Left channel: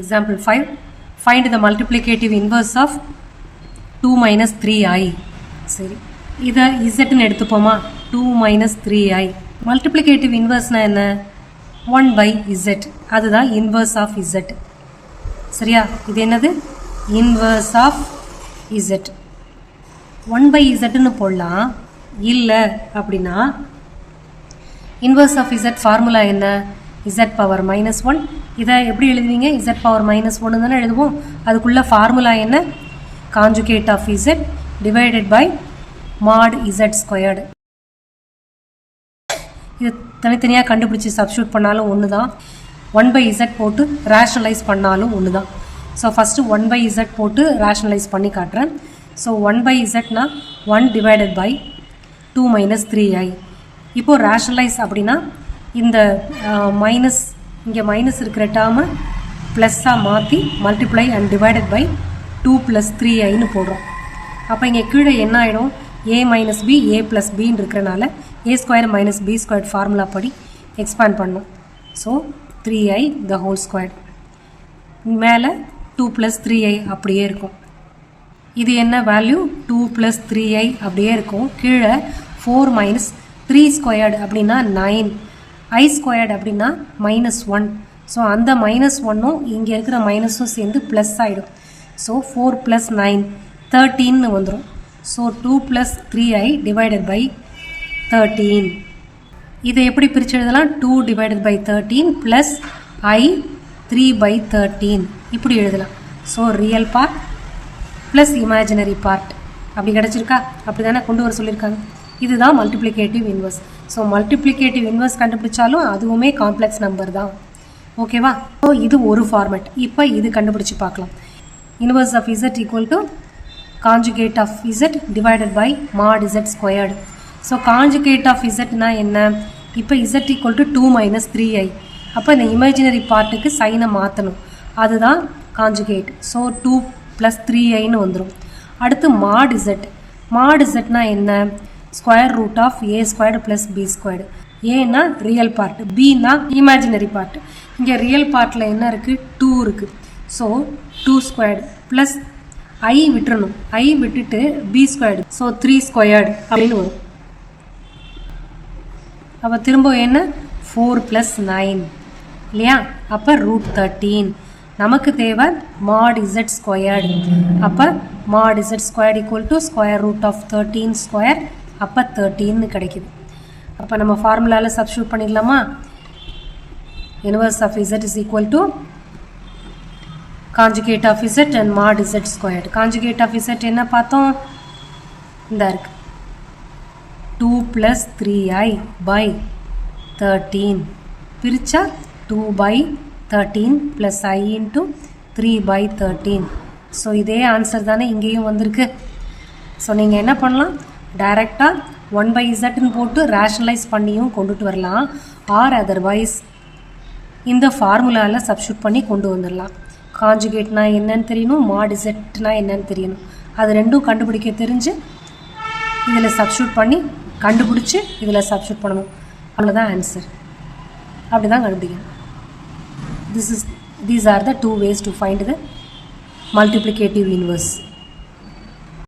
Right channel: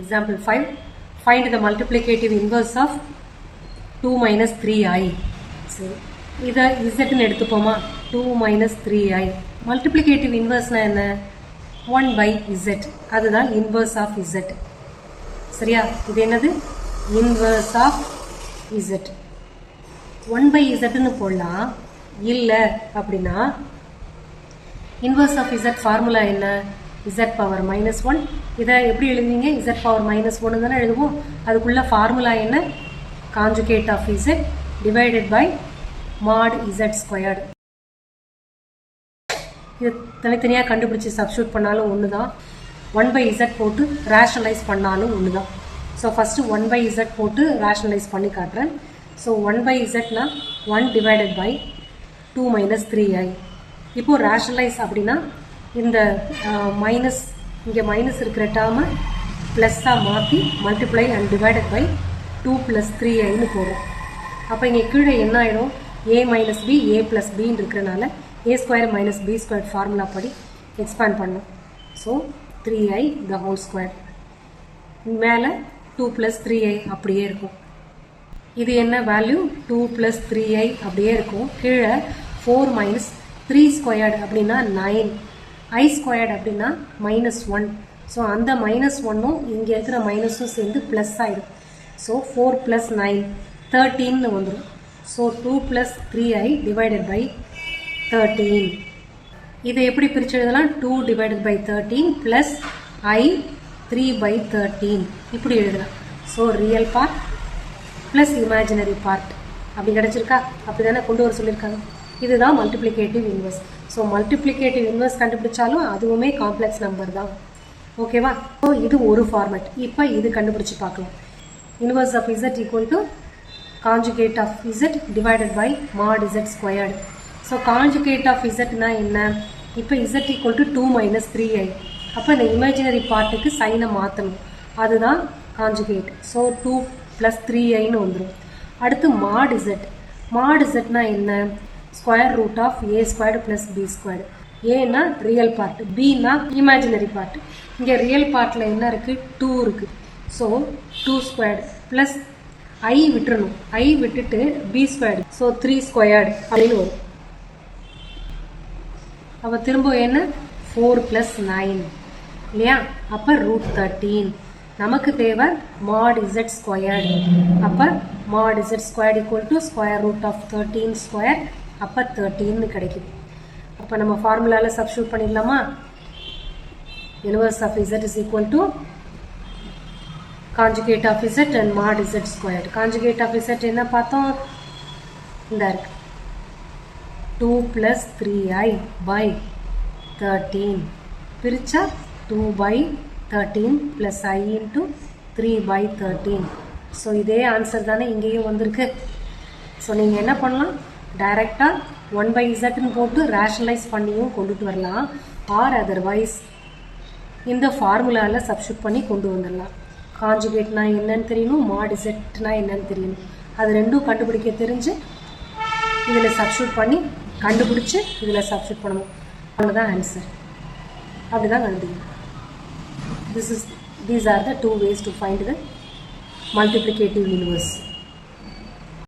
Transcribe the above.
Example 5. Find the multiplicative inverse of 2 minus 3i. சரி, இதை இசட்னு எடுத்துப்போமா? 2 minus 3i. Multiplicative inverse என்ன? 1 by z. அதுதான் inverse of z. சரியா? இது என்னது? Inverse of z. 1 by zன்னு போடலாம். இல்லை அப்படின்னா inverse of z ஃபார்முலா என்ன? z power minus 1. இதை எப்படி எழுதுவீங்க? z power minus 1 தானே எழுதுவோம். அதுக்குள்ள ஃபார்முலா என்ன? conjugate of z divided by mod z squared. இது தனித்தனியாக கண்டுபிடிச்சி சப்ஸ்டியூட் பண்ணாலும் ஒன்று தான். 1 by z போட்டு ரேஷனலைஸ் பண்ணாலும் ஒன்று தான். ஸோ ஃபஸ்ட்டு 1 by z போட்டு ரேஷனலைஸ் பண்ணி காட்டுறேன். So 1 by zனா 1 divided by 2 minus 3i. இப்போது ரேஷனலைஸ் அப்படின்னா இந்த மைனஸ், இங்கே மைனஸ் இருக்கிற டேர்மை ப்ளஸ்ஸாக மாற்றி மல்டிப்ளை அண்ட் டிவைடட் பை 2 + 3iன்னு போடுறோம். அப்போ இங்கே கீழே என்ன ஆகிடும்? a minus b a plus bன்னு இருக்கிறனால a square minus b squared formula படி எக்ஸ்பேண்ட் பண்ணும். So 3i the whole squared. மேலே 2 + 3i அப்படியே இருக்கும். இது என்ன வேல்யூ? 2 + 3i அப்படியே இருக்கும். கீழே 4 minus 3 squared அப்படின்னா 9, i squared அப்படின்னா -1. ஸோ அந்த -1ம் இங்கே இருக்கிற மைனஸும் சேர்ந்து ப்ளஸ் ஆகிடும். ஸோ 4 + 9 13ன்னு வந்துடும். So 2 + 3i divided by 13. இதை எப்படி பிரித்து எழுதலாம்? 2 divided by 13 ப்ளஸ் i 3/13 இப்படி எழுதலாம். So real part plus imaginary part அப்படி கிடச்சிருக்கா? அப்படி தானே கொண்டு வர சொல்லியிருக்காங்க. இதுதான் multiplicative inverse. So multiplicative inverse கண்டுபிடிச்சாலும் அதுவுமே காம்ப்ளெக்ஸ் நம்பர் தான். ஓகேவா? ஸோ இது ஒரு ஃபார்மேட். இப்போ இது கண்டுபிடிச்சி பார்க்கலாம். Inverse of z equal to conjugate of z divided by mod z squared. So conjugate of zனா என்ன? இப்போ z equal to 2 minus 3i. அப்போ இந்த இமேஜினரி பார்ட்டுக்கு சைனை மாற்றணும். அதுதான் காஞ்சுகேட். ஸோ 2 + 3iன்னு வந்துடும். அடுத்து mod z. mod zனா என்ன? Square root of a squared plus b squared. ஏன்னா ரியல் பார்ட், பின்னா இமேஜினரி பார்ட். இங்கே ரியல் பார்ட்டில் என்ன இருக்குது? 2 இருக்குது. ஸோ 2 ஸ்கொயர்டு ப்ளஸ் ஐ விட்டுறணும். ஐ விட்டுட்டு b ஸ்கொயர்டு. ஸோ 3 ஸ்கொயர்டு அப்படின்னு வரும். அப்போ திரும்ப என்ன? 4 + 9 இல்லையா? அப்போ √13. நமக்கு தேவை mod z ஸ்கொயர்டு. அப்போ mod z squared equal to square root of 13 square. அப்போ 13ன்னு கிடைக்குது. அப்போ நம்ம ஃபார்முலாவில் சப்ஸ்டியூட் பண்ணிடலாமா? Inverse of z is equal to conjugate of z and mod z squared. Conjugate of z என்ன பார்த்தோம்? இந்த இருக்கு 2 + 3i by 13 பிரிச்சா 2/13 ப்ளஸ் i இன்ட்டு 3/13. ஸோ இதே ஆன்சர் தானே இங்கேயும் வந்திருக்கு. ஸோ நீங்கள் என்ன பண்ணலாம்? டைரெக்டாக 1 by zன்னு போட்டு ரேஷனலைஸ் பண்ணியும் கொண்டுட்டு வரலாம். ஆர் அதர்வைஸ் இந்த ஃபார்முலாவில் சப்ஸ்டியூட் பண்ணி கொண்டு வந்துடலாம். காஞ்சுகேட்னா என்னன்னு தெரியணும், mod zனா என்னன்னு தெரியணும். அது ரெண்டும் கண்டுபிடிக்க தெரிஞ்சு இதில் சப்ஸ்டியூட் பண்ணி கண்டுபிடிச்சி இதில் சப்ஸ்டியூட் பண்ணணும். அவ்வளோதான் ஆன்சர். அப்படி தான் கண்டுபிடிக்கணும். These are the two ways to find the multiplicative inverse.